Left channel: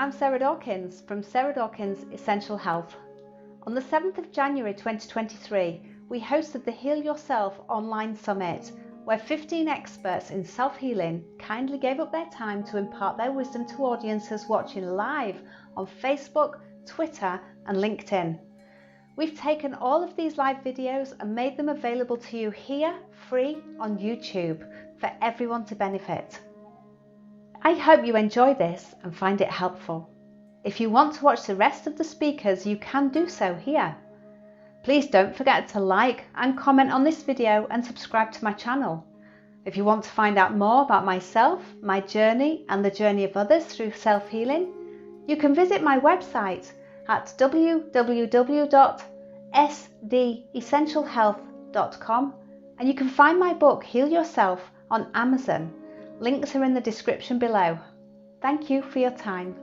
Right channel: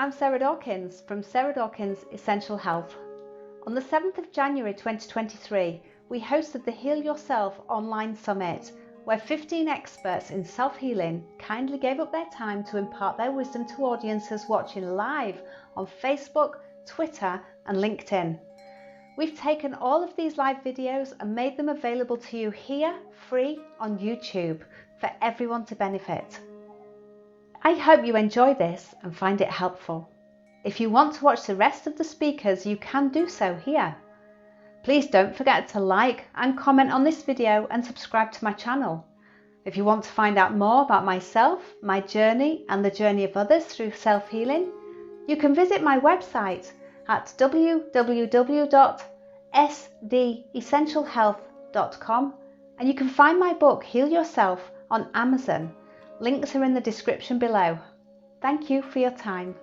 I'm Sarah Dawkins from Sarah Dawkins Essential Health. On the 7th of January 2023, we hosted the Heal Yourself online summit, where 15 experts in self-healing kindly gave up their time to impart their wisdom to audiences watching live on Facebook, Twitter and LinkedIn. We've taken all of these live videos and made them available to you here, free on YouTube, for everyone to benefit. I hope you enjoy this and find it helpful. If you want to watch the rest of the speakers, you can do so here. Please don't forget to like and comment on this video and subscribe to my channel. If you want to find out more about myself, my journey and the journey of others through self-healing, you can visit my website at www.sdessentialhealth.com, and you can find my book Heal Yourself on Amazon. Links are in the description below. Thank you for your time.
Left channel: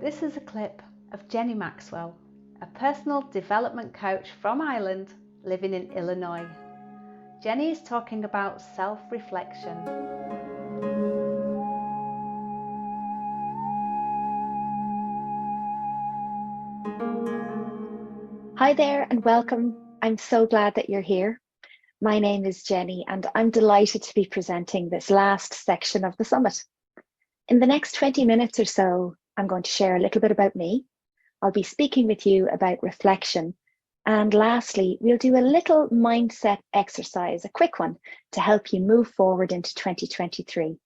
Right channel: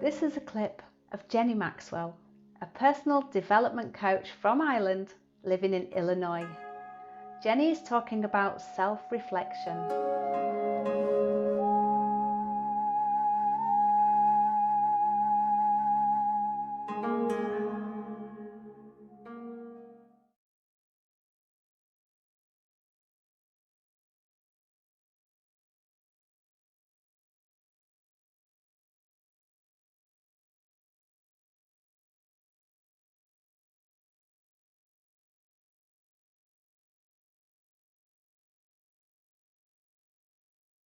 This is a clip of Jenny Maxwell, a personal development coach from Ireland living in Illinois. Jenny is talking about self-reflection. Hi there and welcome. I'm so glad that you're here. My name is Jenny and I'm delighted to be presenting this last section of the summit. In the next 20 minutes or so, I'm going to share a little bit about me. I'll be speaking with you about reflection. And lastly, we'll do a little mindset exercise, a quick one, to help you move forward into 2023.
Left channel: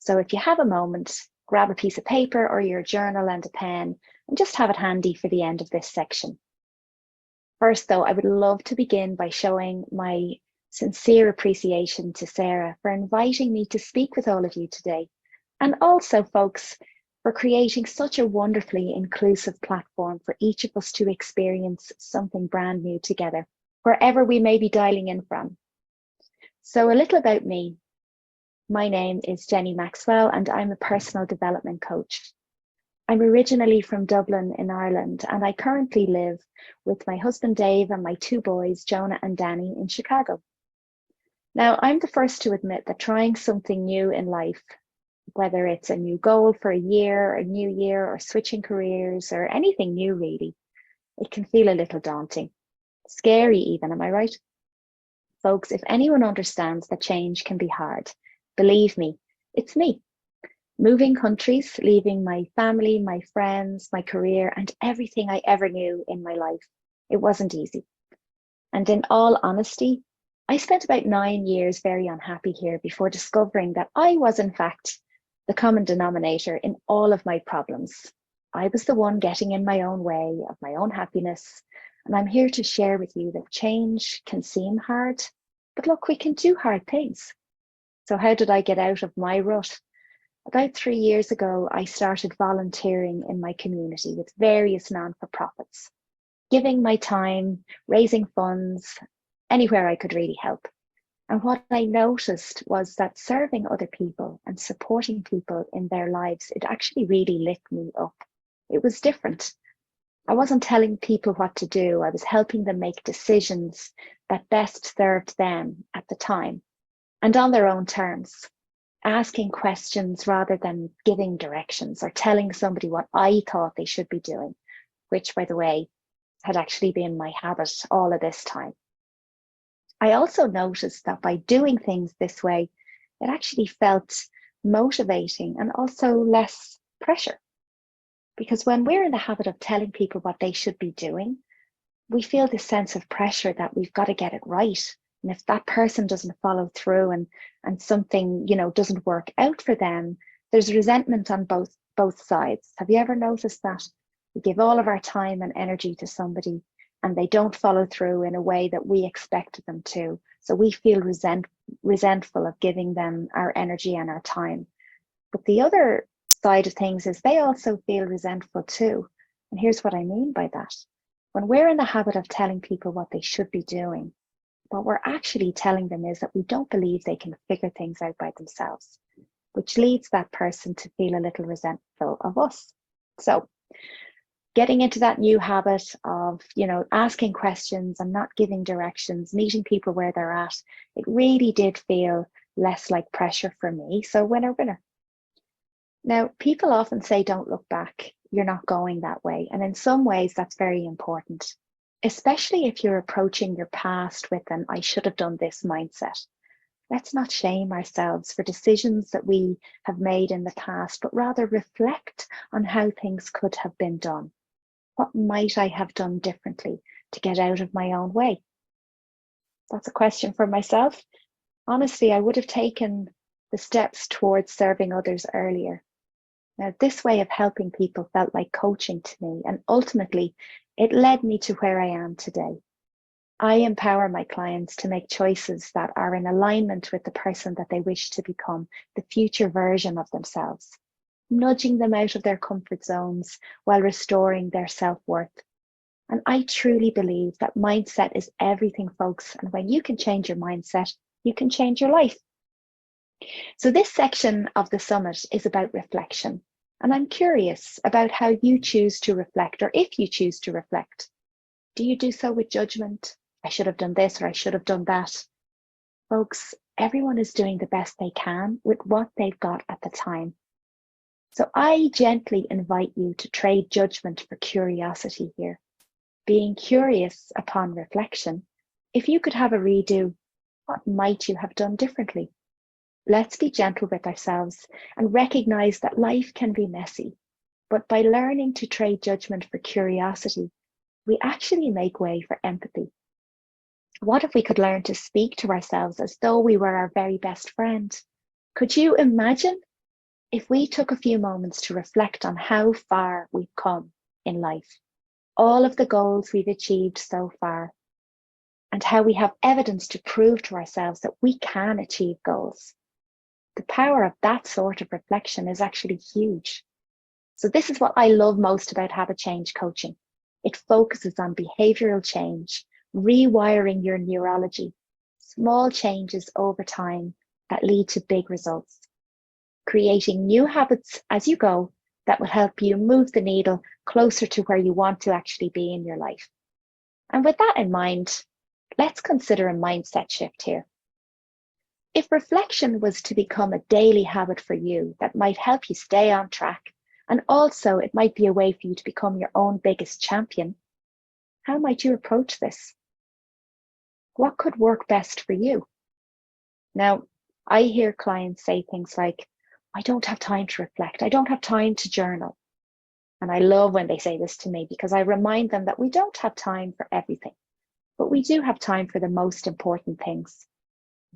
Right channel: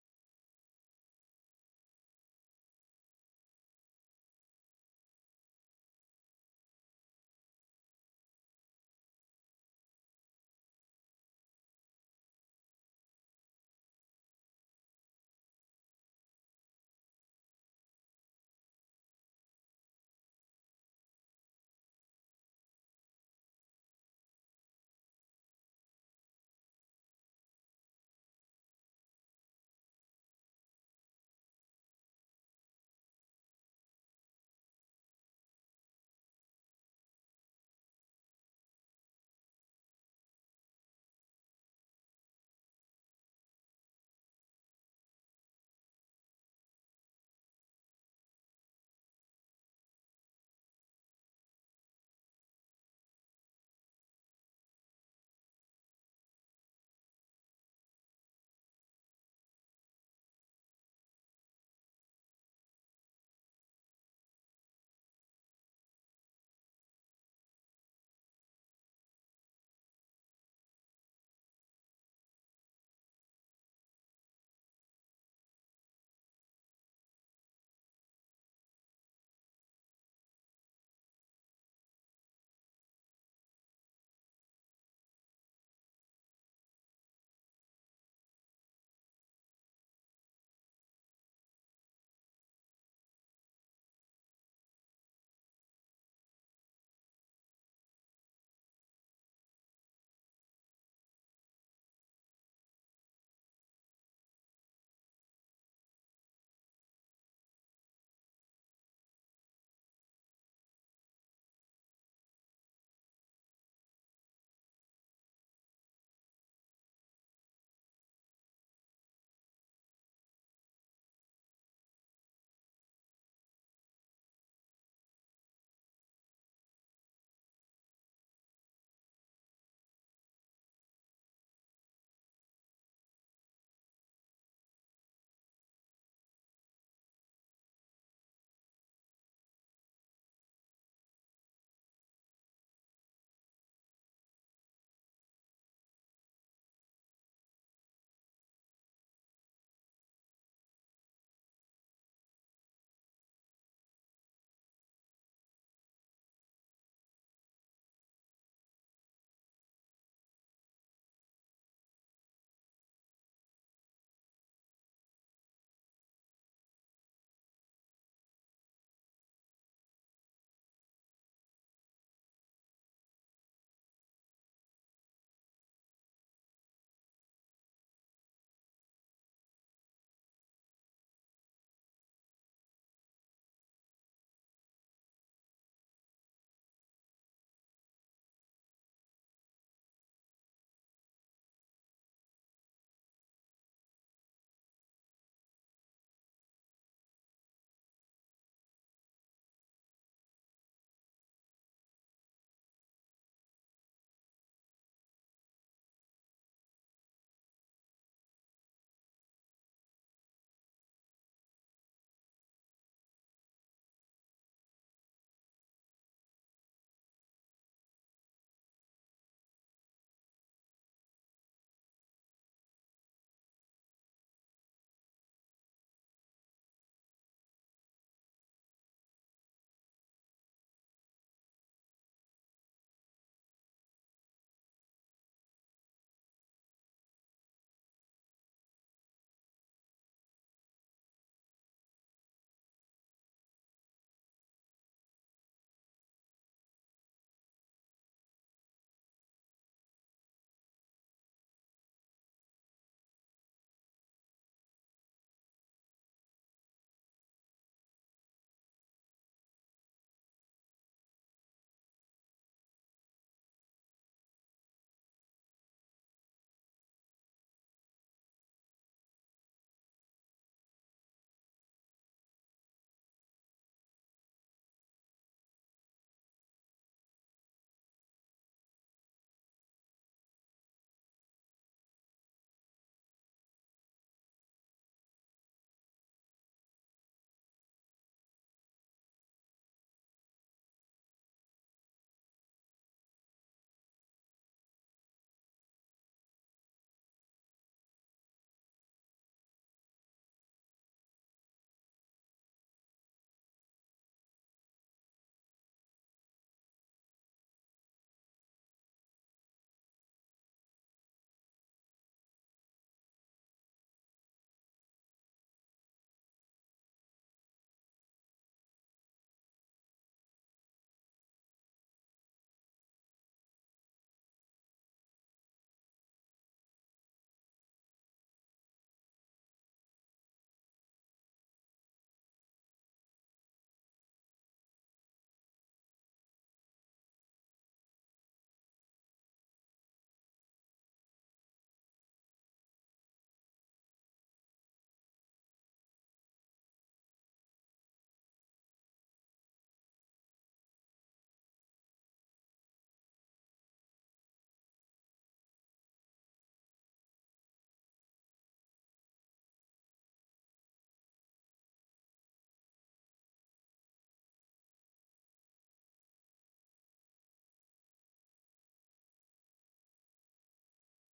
So if you have a moment, grab a piece of paper or your journal and a pen and just have it handy for the end of this section. First, though, I would love to begin by showing my sincere appreciation to Sarah for inviting me to speak with all of you today, and also, folks, for creating such a wonderfully inclusive platform for each of us to experience something brand new together, wherever we may be dialing in from. So a little about me. My name is Jenny Maxwell, and I'm a personal development coach. I'm originally from Dublin in Ireland, and I currently live with my husband Dave and my two boys, Jonah and Danny, in Chicago. Now, I'm the first to admit that trying something new in life, whether it's a new goal for a year, a new year, or switching careers, or anything new really, it can feel a little daunting. Scary even, am I right? Folks, if anyone understands that change can be hard, believe me, it's me. Moving countries, leaving my family, my friends, my career, and everything I ever knew in my life. It wasn't easy. And in all honesty, I spent about 9 years very unhappy here before discovering that I was, in fact, the common denominator in all of my problems. I was the one getting in my own way of my own happiness. And I'm here to share with you that change can seem hard, but look, we can do hard things. So how did I get out of my rut? About 3 years ago, I started volunteering in my community with various non-for-profits, giving my time, raising funds, anywhere I could really help. And what I noticed was that serving other people and supporting people in their lives, it actually really lit me up. It was different. I wasn't telling people what to do. I was helping them make decisions that best served them at the time and on their own terms. Asking questions rather than giving directions or telling somebody what I thought they should be doing, which, by the way, had actually been my habit all of this time. I also noticed that by doing things this way, it actually felt motivating and also less pressure. Because when we're in the habit of telling people what they should be doing, we feel this sense of pressure that we've got to get it right. And if that person doesn't follow through and something, doesn't work out for them, there's resentment on both sides. Have you ever noticed that? We give all of our time and energy to somebody and they don't follow through in a way that we expected them to. So we feel resentful of giving them our energy and our time. But the other side of things is they also feel resentful too. And here's what I mean by that. When we're in the habit of telling people what they should be doing, what we're actually telling them is that we don't believe they can figure things out by themselves, which leads that person to feel a little resentful of us. So getting into that new habit of, asking questions and not giving directions, meeting people where they're at, it really did feel less like pressure for me. So winner, winner. Now, people often say, don't look back. You're not going that way. And in some ways, that's very important, especially if you're approaching your past with an I should have done this mindset. Let's not shame ourselves for decisions that we have made in the past, but rather reflect on how things could have been done. What might I have done differently to get out of my own way? That's a question for myself. Honestly, I would have taken the steps towards serving others earlier. Now, this way of helping people felt like coaching to me, and ultimately, it led me to where I am today. I empower my clients to make choices that are in alignment with the person that they wish to become, the future version of themselves, nudging them out of their comfort zones while restoring their self-worth. And I truly believe that mindset is everything, folks. And when you can change your mindset, you can change your life. So this section of the summit is about reflection. And I'm curious about how you choose to reflect, or if you choose to reflect. Do you do so with judgment? I should have done this, or I should have done that. Folks, everyone is doing the best they can with what they've got at the time. So I gently invite you to trade judgment for curiosity here. Being curious upon reflection, if you could have a redo, what might you have done differently? Let's be gentle with ourselves and recognize that life can be messy, but by learning to trade judgment for curiosity, we actually make way for empathy. What if we could learn to speak to ourselves as though we were our very best friend? Could you imagine if we took a few moments to reflect on how far we've come in life, all of the goals we've achieved so far, and how we have evidence to prove to ourselves that we can achieve goals? The power of that sort of reflection is actually huge. So this is what I love most about habit change coaching. It focuses on behavioral change, rewiring your neurology, small changes over time that lead to big results, creating new habits as you go that will help you move the needle closer to where you want to actually be in your life. And with that in mind, let's consider a mindset shift here. If reflection was to become a daily habit for you that might help you stay on track, and also it might be a way for you to become your own biggest champion, how might you approach this? What could work best for you? Now, I hear clients say things like, I don't have time to reflect. I don't have time to journal. And I love when they say this to me because I remind them that we don't have time for everything, but we do have time for the most important things.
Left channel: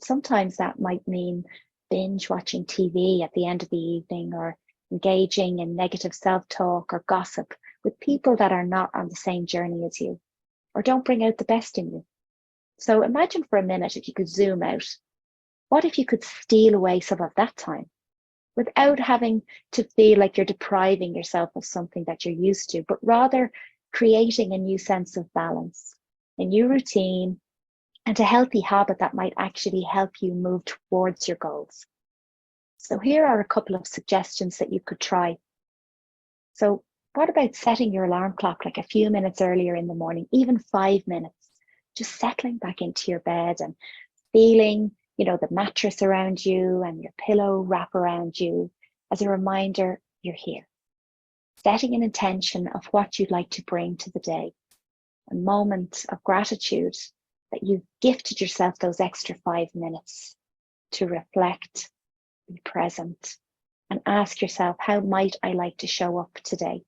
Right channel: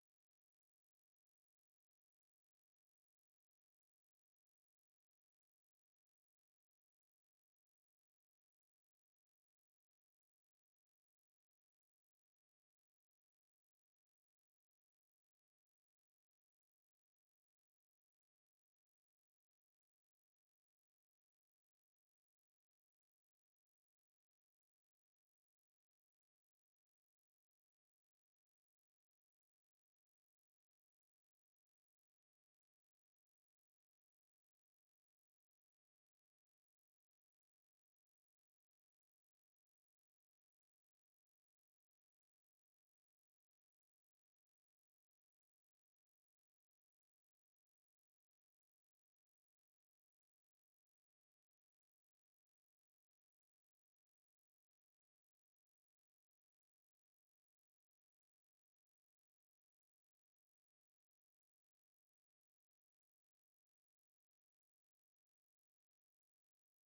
Sometimes that might mean binge watching TV at the end of the evening, or engaging in negative self-talk or gossip with people that are not on the same journey as you, or don't bring out the best in you. So imagine for a minute if you could zoom out. What if you could steal away some of that time without having to feel like you're depriving yourself of something that you're used to, but rather creating a new sense of balance, a new routine, and a healthy habit that might actually help you move towards your goals? So here are a couple of suggestions that you could try. So what about setting your alarm clock like a few minutes earlier in the morning, even 5 minutes, just settling back into your bed and feeling, the mattress around you and your pillow wrap around you as a reminder you're here. Setting an intention of what you'd like to bring to the day, a moment of gratitude that you've gifted yourself those extra 5 minutes to reflect, be present, and ask yourself, how might I like to show up today?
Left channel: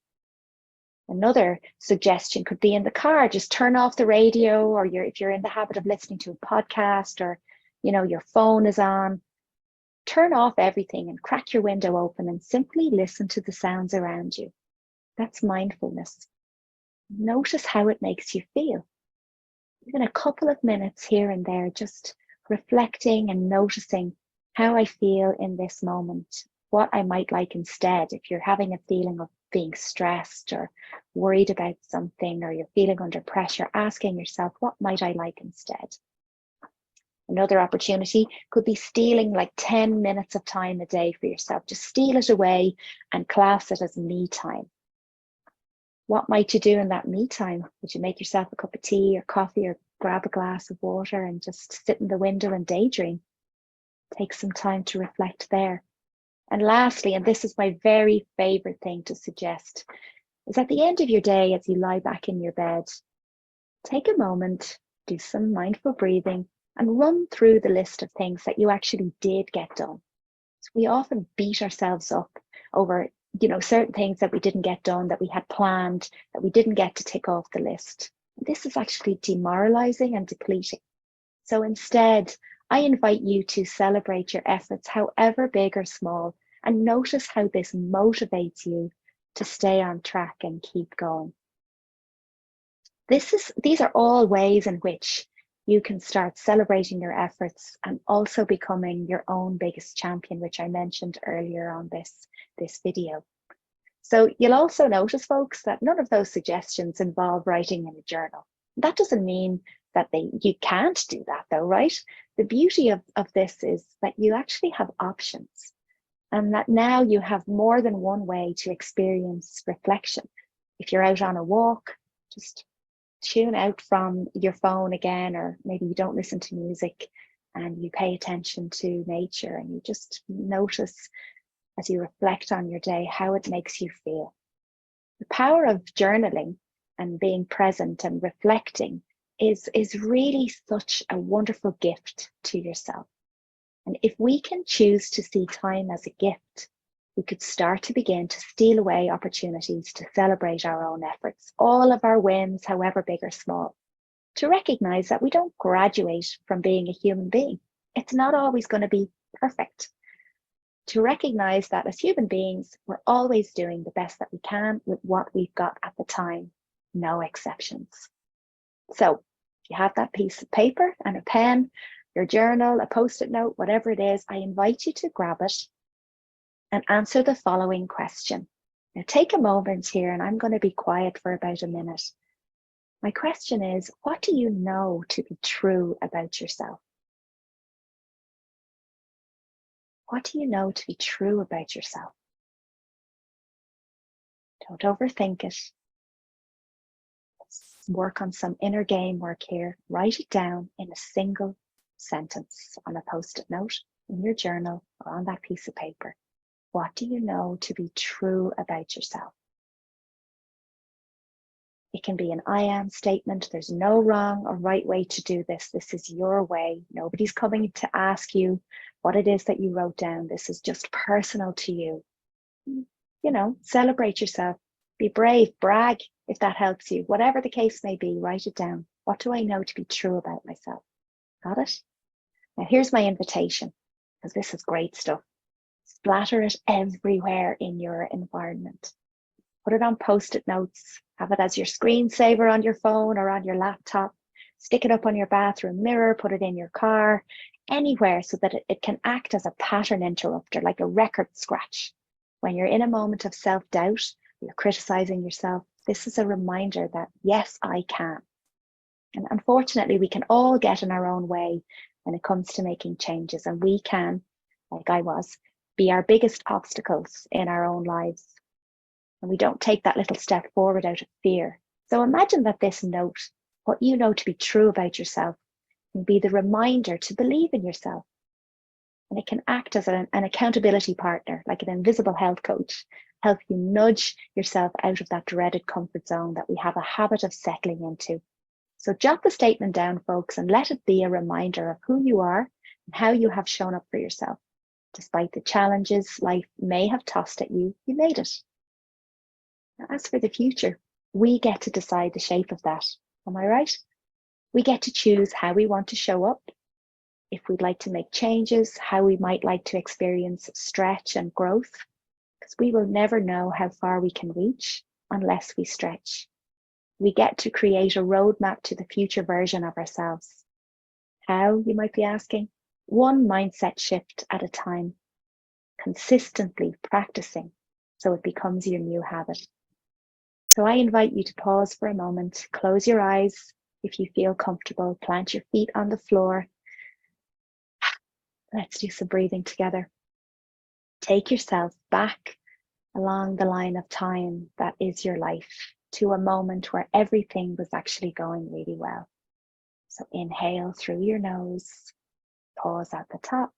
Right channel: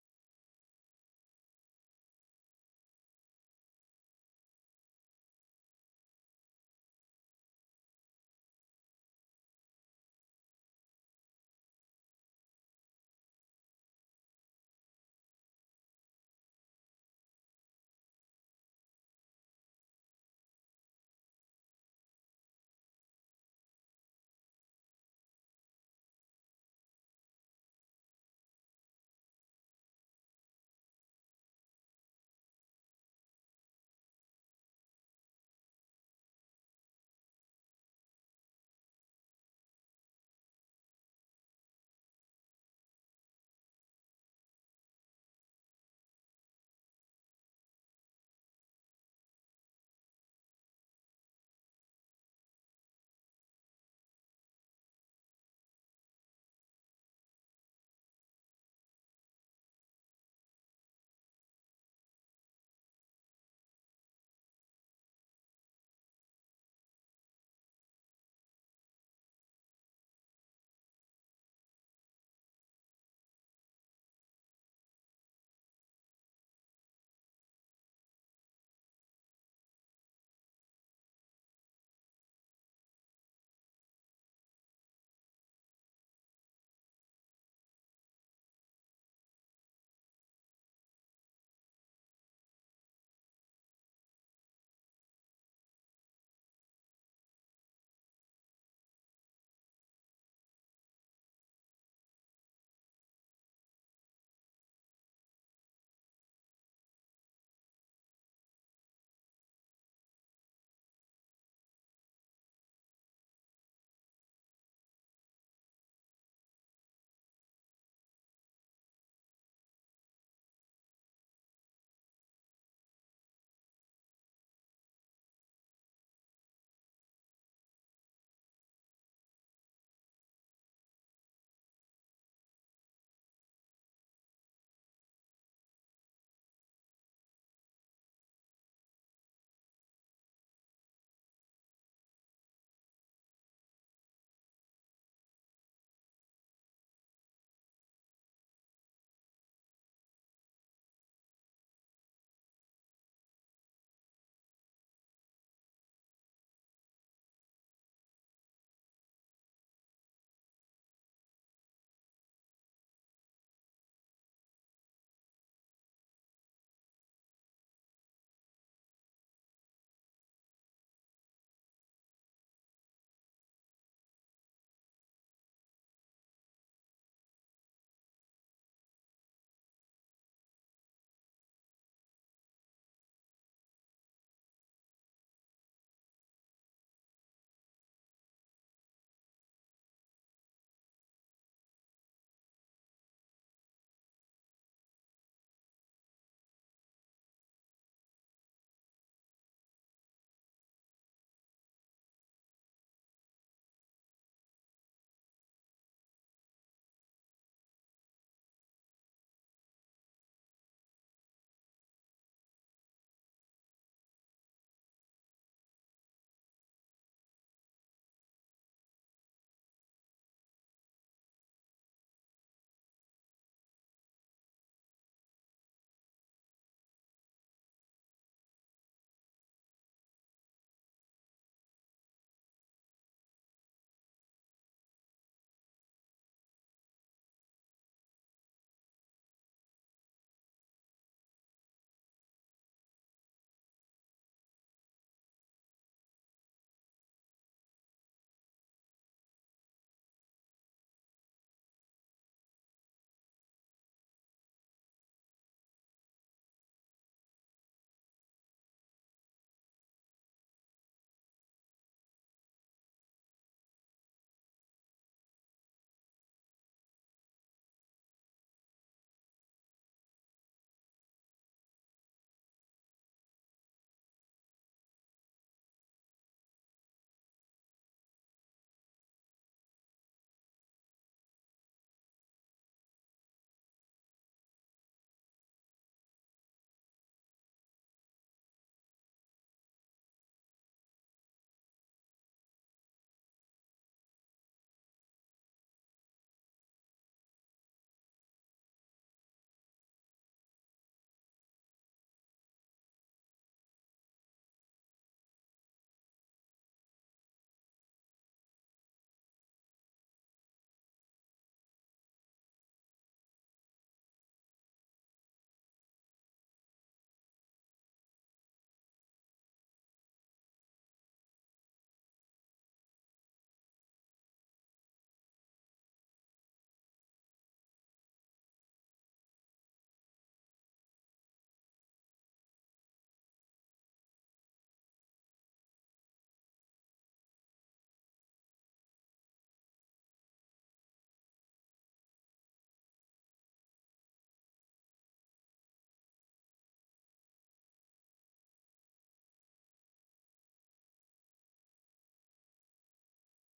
Another suggestion could be in the car, just turn off the radio, or if you're in the habit of listening to a podcast, or your phone is on, turn off everything and crack your window open and simply listen to the sounds around you. That's mindfulness. Notice how it makes you feel. Even a couple of minutes here and there, just reflecting and noticing how I feel in this moment, what I might like instead. If you're having a feeling of being stressed or worried about something, or you're feeling under pressure, asking yourself, what might I like instead? Another opportunity could be stealing like 10 minutes of time a day for yourself. Just steal it away and class it as me time. What might you do in that me time? Would you make yourself a cup of tea or coffee or grab a glass of water and just sit in the window and daydream? Take some time to reflect there. And lastly, and this is my very favorite thing to suggest, is at the end of your day, as you lie back in your bed, take a moment, do some mindful breathing, and run through the list of things that you actually did get done. So we often beat ourselves up over, certain things that we didn't get done, that we had planned, that we didn't get to tick off the list. This is actually demoralizing and depleting. So instead, I invite you to celebrate your efforts, however big or small, and notice how this motivates you to stay on track and keep going. These are all ways in which you can start celebrating your efforts and also becoming your own biggest champion, which I mentioned earlier on this video. So you'll also notice, folks, that none of those suggestions involve writing in a journal. That doesn't mean that you can't do that though, right? The beauty of this is that you actually have options, and that now you have more than one way to experience reflection. If you're out on a walk, just tune out from your phone again, or maybe you don't listen to music and you pay attention to nature and you just notice as you reflect on your day how it makes you feel. The power of journaling and being present and reflecting is really such a wonderful gift to yourself. And if we can choose to see time as a gift, we could start to begin to steal away opportunities to celebrate our own efforts, all of our wins, however big or small, to recognize that we don't graduate from being a human being. It's not always going to be perfect. To recognize that as human beings, we're always doing the best that we can with what we've got at the time, no exceptions. So if you have that piece of paper and a pen, your journal, a post-it note, whatever it is, I invite you to grab it and answer the following question. Now take a moment here, and I'm going to be quiet for about a minute. My question is, what do you know to be true about yourself? What do you know to be true about yourself? Don't overthink it. Let's work on some inner game work here. Write it down in a single sentence on a post-it note, in your journal, or on that piece of paper. What do you know to be true about yourself? It can be an I am statement. There's no wrong or right way to do this. This is your way. Nobody's coming to ask you what it is that you wrote down. This is just personal to you. Celebrate yourself. Be brave, brag if that helps you. Whatever the case may be, write it down. What do I know to be true about myself? Got it? Now here's my invitation, because this is great stuff. Splatter it everywhere in your environment. Put it on post-it notes. Have it as your screensaver on your phone or on your laptop. Stick it up on your bathroom mirror. Put it in your car, anywhere, so that it can act as a pattern interrupter, like a record scratch. When you're in a moment of self-doubt, you're criticizing yourself, this is a reminder that, yes, I can. And unfortunately, we can all get in our own way when it comes to making changes. And we can, like I was, be our biggest obstacles in our own lives. And we don't take that little step forward out of fear. So imagine that this note, what you know to be true about yourself, can be the reminder to believe in yourself. And it can act as an accountability partner, like an invisible health coach, help you nudge yourself out of that dreaded comfort zone that we have a habit of settling into. So jot the statement down, folks, and let it be a reminder of who you are and how you have shown up for yourself. Despite the challenges life may have tossed at you, you made it. Now, as for the future, we get to decide the shape of that. Am I right? We get to choose how we want to show up, if we'd like to make changes, how we might like to experience stretch and growth, because we will never know how far we can reach unless we stretch. We get to create a roadmap to the future version of ourselves. How, you might be asking? One mindset shift at a time, consistently practicing so it becomes your new habit. So I invite you to pause for a moment, close your eyes if you feel comfortable, plant your feet on the floor. Let's do some breathing together. Take yourself back along the line of time that is your life. to a moment where everything was actually going really well. So inhale through your nose, pause at the top,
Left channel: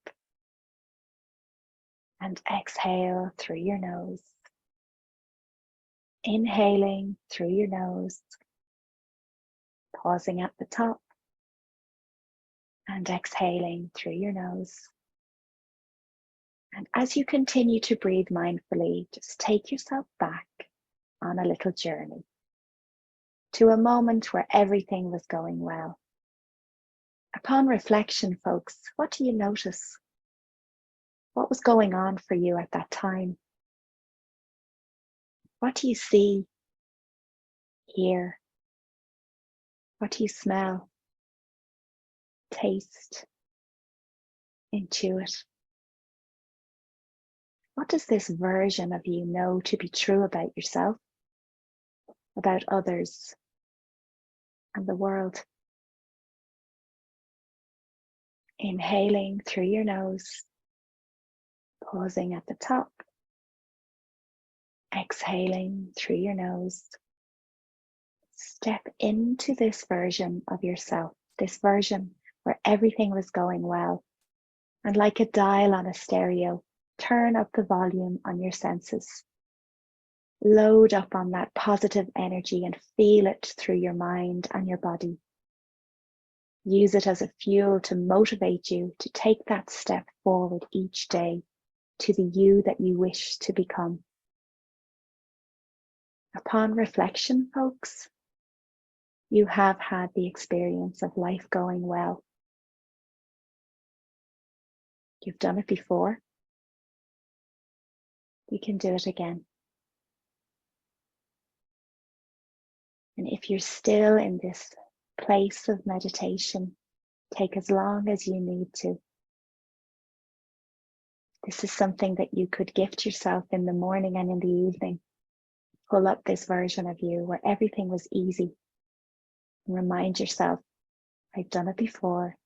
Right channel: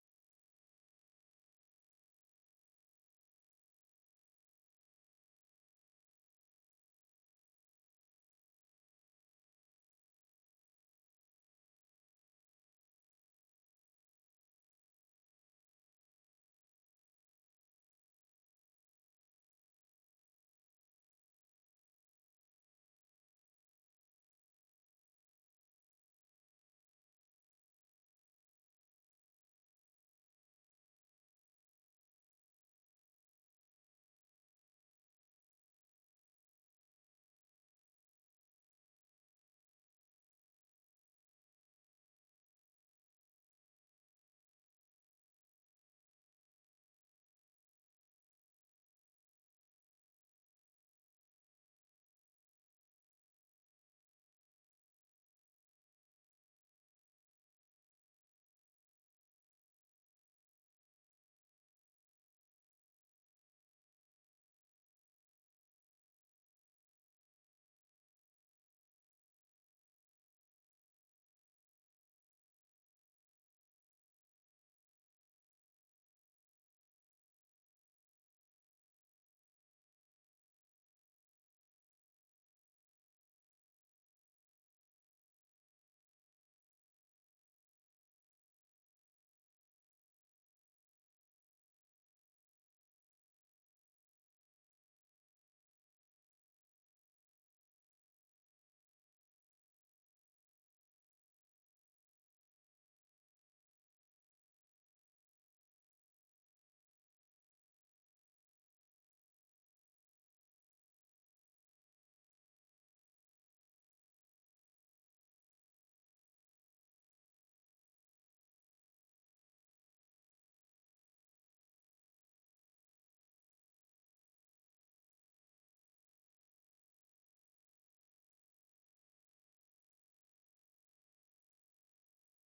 and exhale through your nose. Inhaling through your nose, pausing at the top, and exhaling through your nose. And as you continue to breathe mindfully, just take yourself back on a little journey to a moment where everything was going well. Upon reflection, folks, what do you notice? What was going on for you at that time? What do you see, hear? What do you smell, taste, intuit? What does this version of you know to be true about yourself, about others, and the world? Inhaling through your nose, pausing at the top, exhaling through your nose. Step into this version of yourself, this version where everything was going well. And like a dial on a stereo, turn up the volume on your senses. Load up on that positive energy and feel it through your mind and your body. Use it as a fuel to motivate you to take that step forward each day to the you that you wish to become. Upon reflection, folks, you have had the experience of life going well. You've done it before. You can do it again. And if you're still in this place of meditation, take as long as you need to. This is something that you could gift yourself in the morning and in the evening. Pull up this version of you where everything was easy. And remind yourself, I've done it before.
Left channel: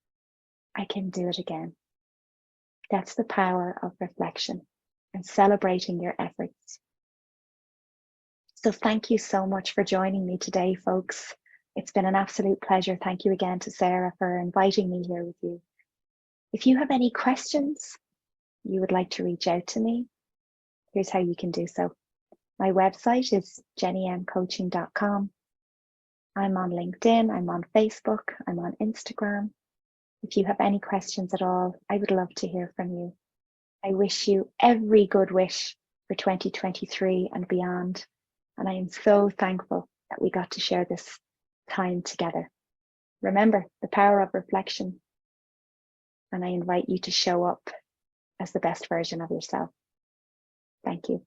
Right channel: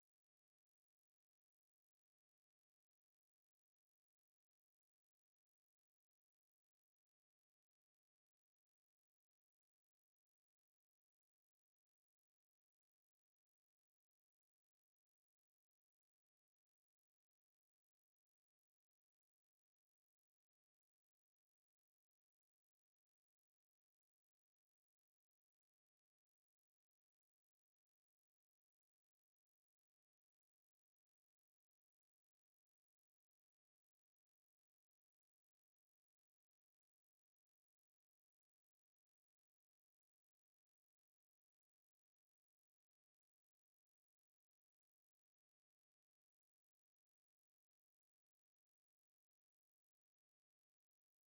I can do it again. That's the power of reflection and celebrating your efforts. So thank you so much for joining me today, folks. It's been an absolute pleasure. Thank you again to Sarah for inviting me here with you. If you have any questions you would like to reach out to me, here's how you can do so. My website is jennymcoaching.com. I'm on LinkedIn, I'm on Facebook, I'm on Instagram. If you have any questions at all, I would love to hear from you. I wish you every good wish for 2023 and beyond. And I am so thankful that we got to share this time together. Remember the power of reflection, and I invite you to show up as the best version of yourself. Thank you.